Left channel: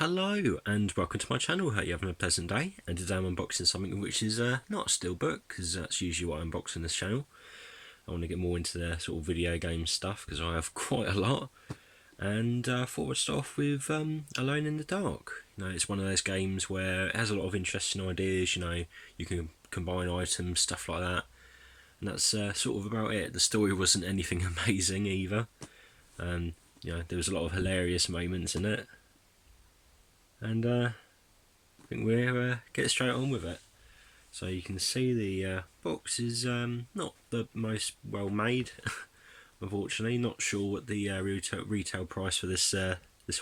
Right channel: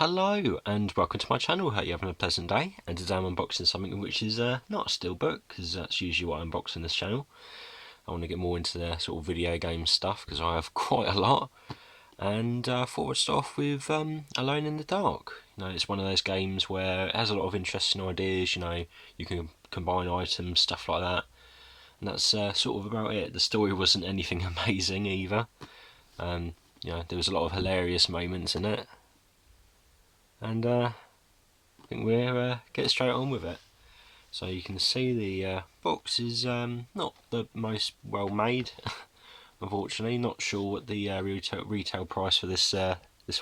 Hello and welcome to my channel. Hope you're having a pleasant day. And today I'm unboxing something which is not a steelbook, because that's usually what I unbox on this channel. I want to get more into the sort of video game stuff because I have quite a lot. And I thought I'd start off with Alone in the Dark. It's one of those games where it has a lot of interesting ideas. You can combine items, stuff like that. And that's sort of about it. The story wasn't anything amazing either. There was a lot of hilarious moments in it. And I think we'll get straight on with it. So you can see the box is not the most well made, unfortunately. Not sure what the retail price for this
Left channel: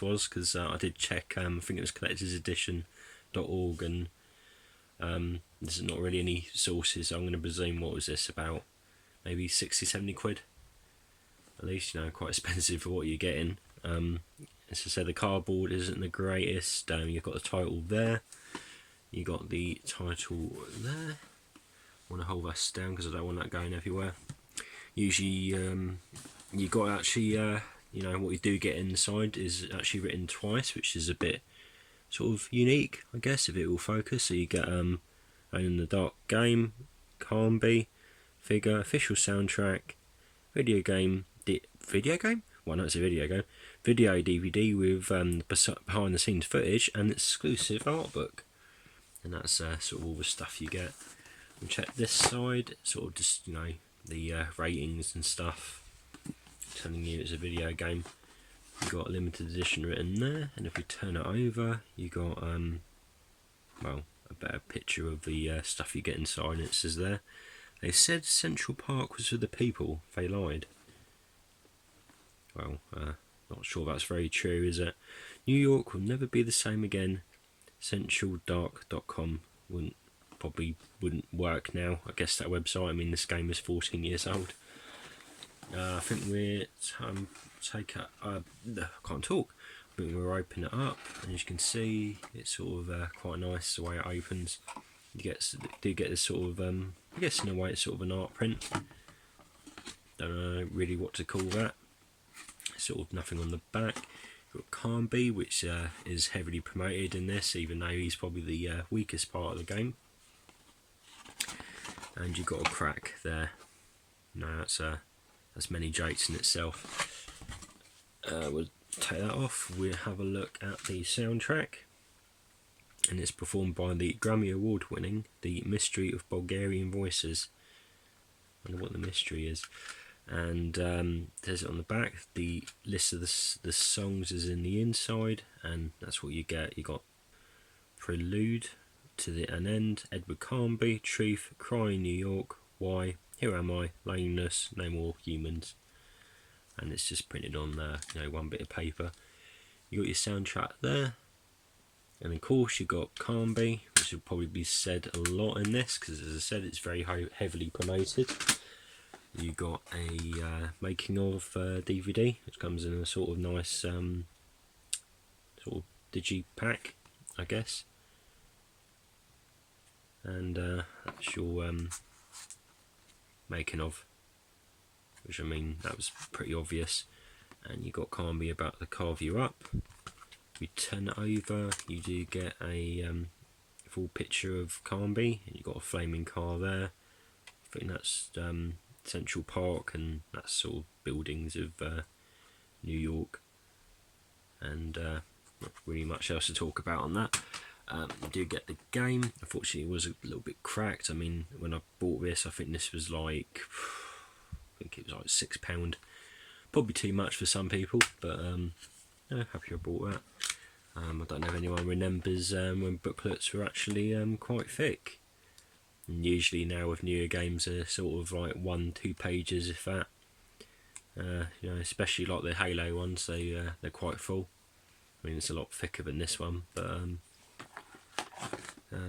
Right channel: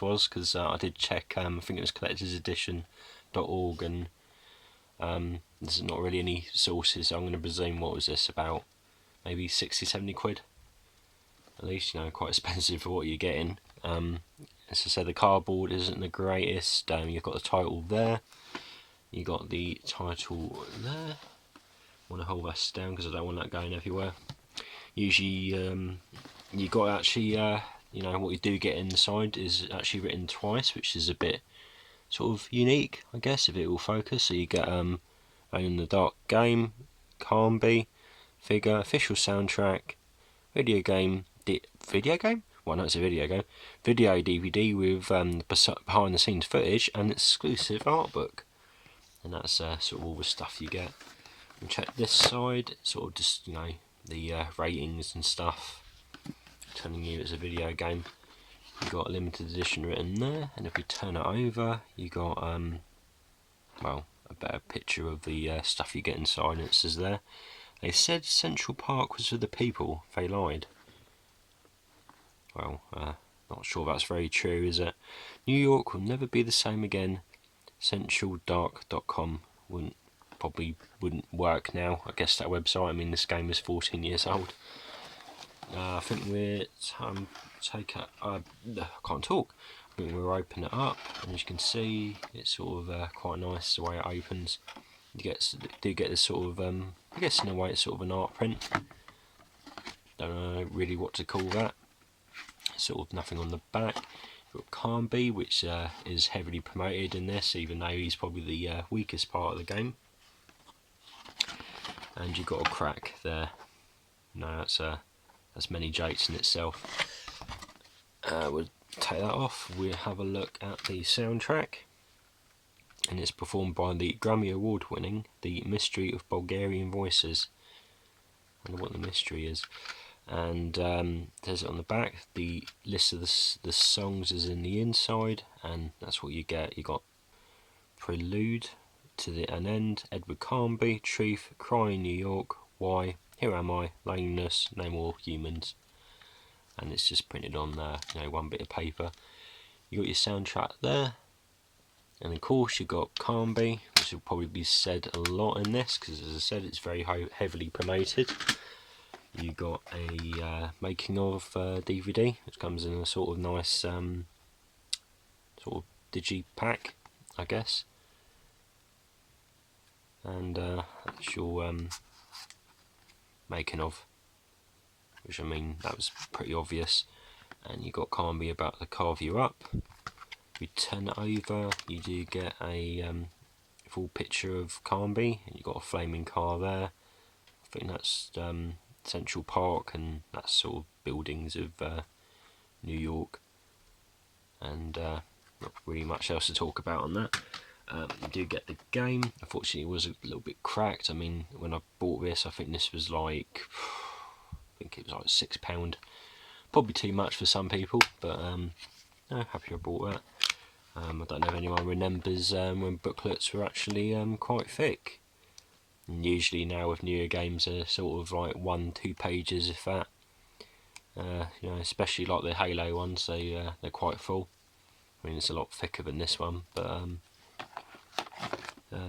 was, because I did check. I think it was collectorsedition.org, and there's not really any sources. So I'm going to presume, what was this, about maybe 60-70 quid at least. Quite expensive for what you're getting. As I said, the cardboard isn't the greatest. You've got the title there. You got the title there. I want to hold this down because I don't want that going everywhere. Usually, you got actually, what you do get inside is actually written twice, which is a bit sort of unique, I guess, if it will focus. So you get Alone in the Dark game, Carnby, figure, official soundtrack, video game. Well, no, it's a video game. Video DVD with behind the scenes footage and exclusive art book. And that's sort of all the stuff you get. And check this side, sort of just, the ratings and stuff, telling you it's a video game. You got a limited edition written there, and if we turn it over, you got a better picture of the stuff you get inside. It says there, they said Central Park was for the people. They lied. Well, not sure that's very true, is it? New York will never be the same again. CentralDark.com probably wouldn't work now. I guess that website. I mean, this game is 14 years old. I think we're I can't talk. I think we'll open it up, and as you can see, it's sort of quite nice the way it opens. You do get this sort of I guess in a way it's sort of an art print. Don't know really what to call that. Sort of nothing on the back. You've got Carnby, which is heavily promoted in this, even though he's probably the weakest part of the game. And you've got a crack there. No, that's many jokes in itself. We'll take that off. We'll have a look at the soundtrack, and it's performed by the Grammy Award winning The Mystery of Bulgarian Voices. I wonder what the mystery is. And there's it on the back. The list of the songs is in the inside, and that's what you get. You got Prelude to the An End, Edward Carnby, Truth, Crying New York, Why, Here Am I, Lameness, No More Humans. And it's just printed on one bit of paper. You got your soundtrack there, and of course you got Carnby, which will probably be said a lot in this, because as I said, it's very heavily promoted. You got a making of DVD, which comes in a sort of nice sort of digipack, I guess. And that's your making of, which, I mean, that was pretty obvious. And you got Carnby about to carve you up. You turn it over, you do get a full picture of Carnby, and you got a flaming car there. I think that's Central Park, and that's sort of buildings of New York, and not really much else to talk about on that. You do get the game. Unfortunately, it was a little bit cracked. I mean, when I bought this, I think this was like, it was like £6. Probably too much for some people, but happy I bought that. I don't know if anyone remembers when booklets were actually quite thick. And usually now with newer games, they're sort of like 1-2 pages, if that. Especially like the Halo ones, they're quite full. I mean, it's a lot thicker than this one, but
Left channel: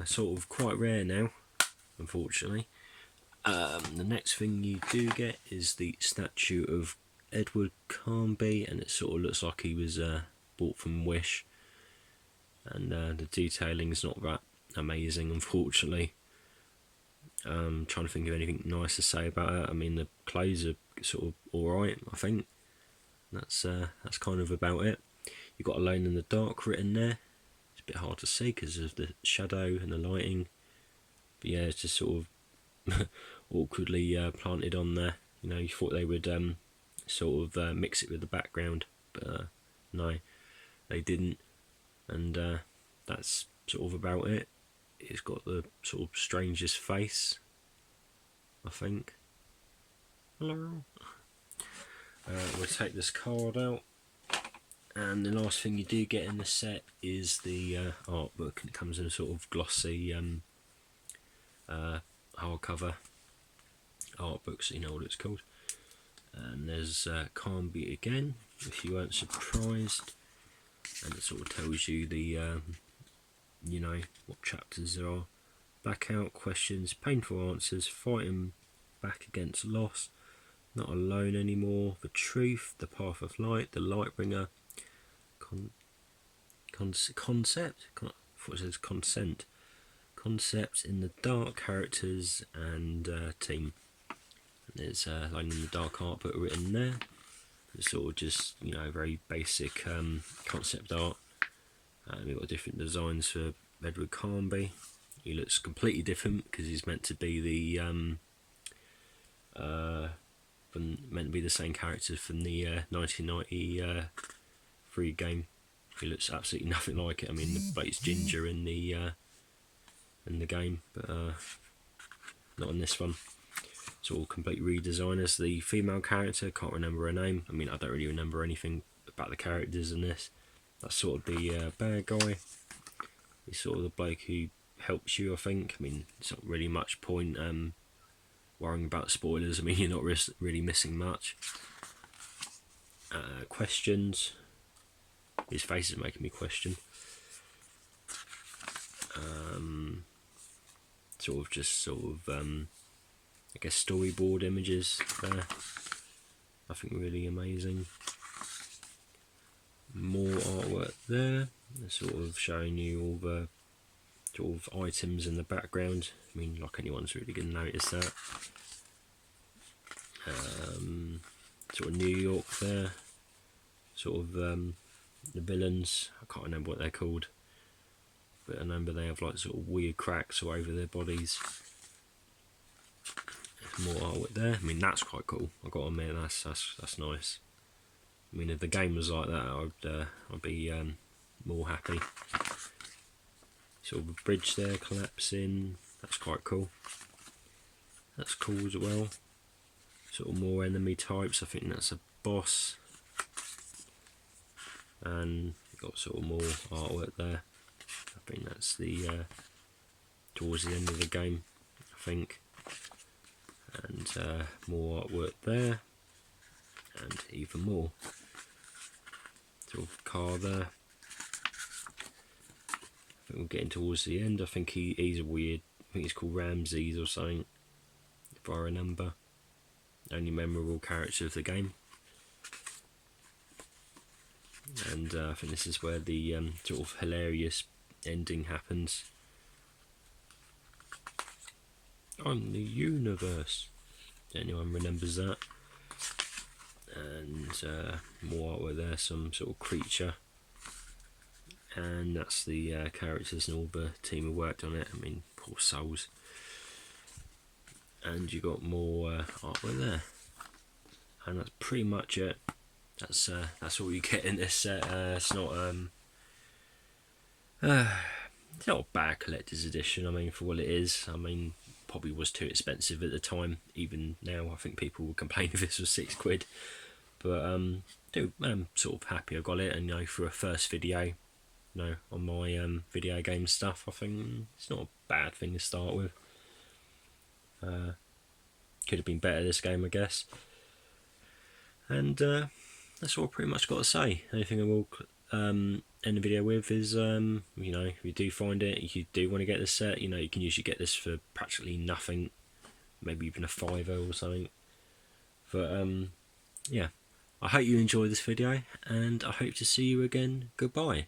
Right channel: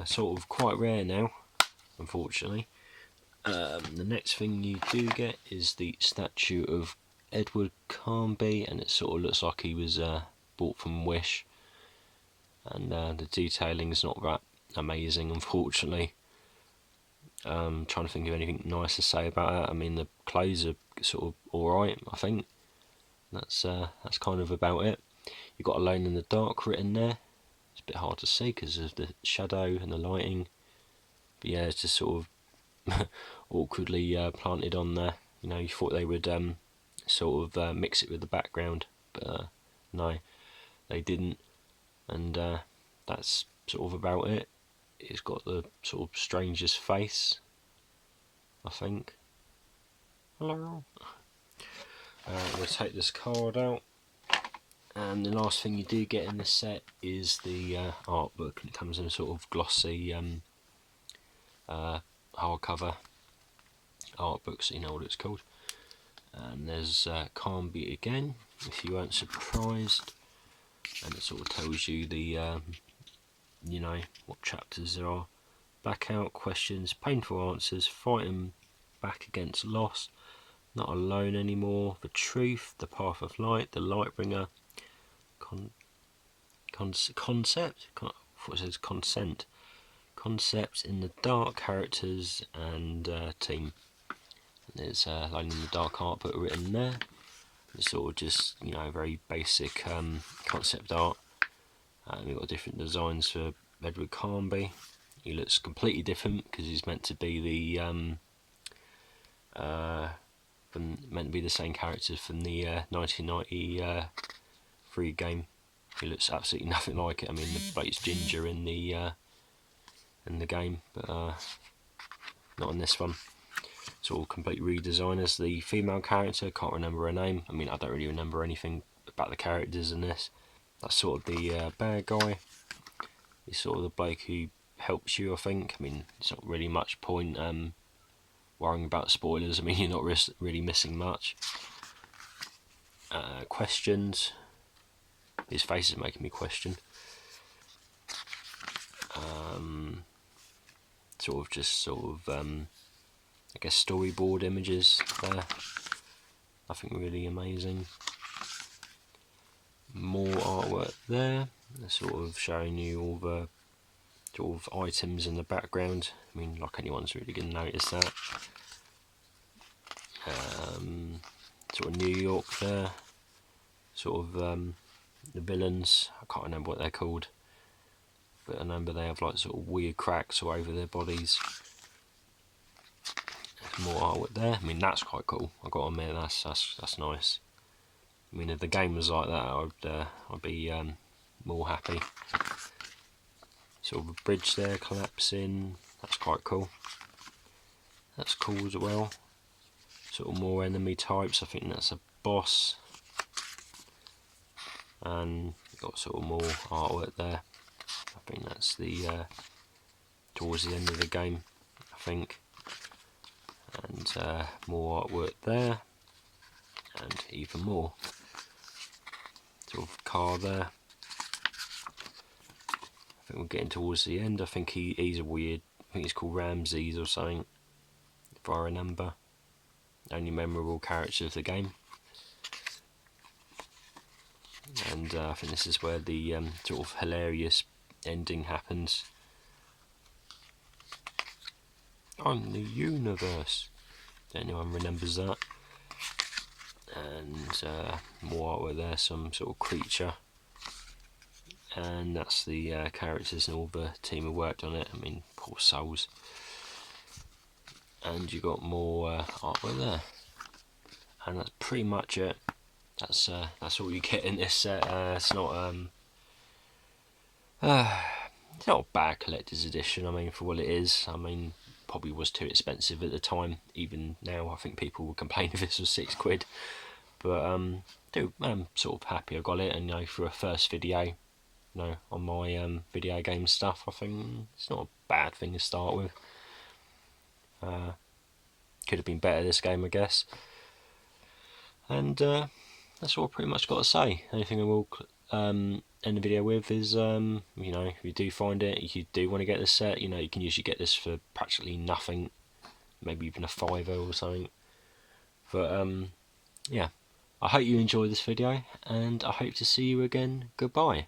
sort of quite rare now, unfortunately. The next thing you do get is the statue of Edward Carnby, and it sort of looks like he was bought from Wish. And the detailing is not that amazing, unfortunately. Trying to think of anything nice to say about that. I mean, the clothes are sort of alright, I think. That's kind of about it. You've got Alone in the Dark written there. It's a bit hard to see because of the shadow and the lighting. But yeah, it's just sort of awkwardly planted on there. You know, you thought they would sort of mix it with the background, but no, they didn't. And that's sort of about it. It's got the sort of strangest face, I think. Hello. We'll take this card out, and the last thing you do get in the set is the art book, and it comes in a sort of glossy hardcover art book, so you know what it's called. And there's Carnby again, if you weren't surprised, and it sort of tells you the you know, what chapters there are. Back out, questions, painful answers, fighting back against loss, not alone anymore, the truth, the path of light, the Lightbringer, concept, what says consent, concepts in the dark, characters and team. And there's Alone in the Dark art book written there. It's sort of just, you know, very basic concept art. We've got different designs for Edward Carnby. He looks completely different because he's meant to be the same characters from the 1993 game. He looks absolutely nothing like it. I mean, but it's Ginger in the game, but not in this one. It's all complete redesign. As the female character, can't remember her name. I mean, I don't really remember anything about the characters in this. That's sort of the bad guy. He's sort of the bloke who helps you, I think. I mean, it's not really much point worrying about spoilers. I mean, you're not really missing much. Questions. His face is making me question. Sort of, I guess, storyboard images there. Nothing really amazing. More artwork there. They're sort of showing you all the sort of items in the background. I mean, like anyone's really going to notice that. Sort of New York there. Sort of the villains. I can't remember what they're called, but I remember they have like sort of weird cracks all over their bodies. There's more artwork there. I mean, that's quite cool. I've got to admit, that's nice. I mean, if the game was like that, I'd be more happy. Sort of a bridge there collapsing. That's quite cool. That's cool as well. Sort of more enemy types. I think that's a boss. And got sort of more artwork there. I think that's the towards the end of the game, I think. And more artwork there, and even more. Sort of car there. I think we're getting towards the end. I think he's a weird. I think he's called Ramses or something, if I remember. Only memorable character of the game. And I think this is where the sort of hilarious ending happens. I'm the universe. Anyone remembers that? And more artwork there, some sort of creature. And that's the characters and all the team who worked on it. I mean, poor souls. And you got more artwork there. And that's pretty much it. That's all you get in this set. It's not a bad collector's edition. I mean, for what it is, I mean, probably was too expensive at the time. Even now, I think people would complain if this was £6. But I'm sort of happy I got it, and you know, for a first video, you know, on my video game stuff, I think it's not a bad thing to start with. Could have been better this game, I guess. And that's all I pretty much got to say. Anything I will end the video with is, you know, if you do find it, if you do want to get this set, you know, you can usually get this for practically nothing, maybe even a £5 or something. But yeah, I hope you enjoyed this video, and I hope to see you again. Goodbye.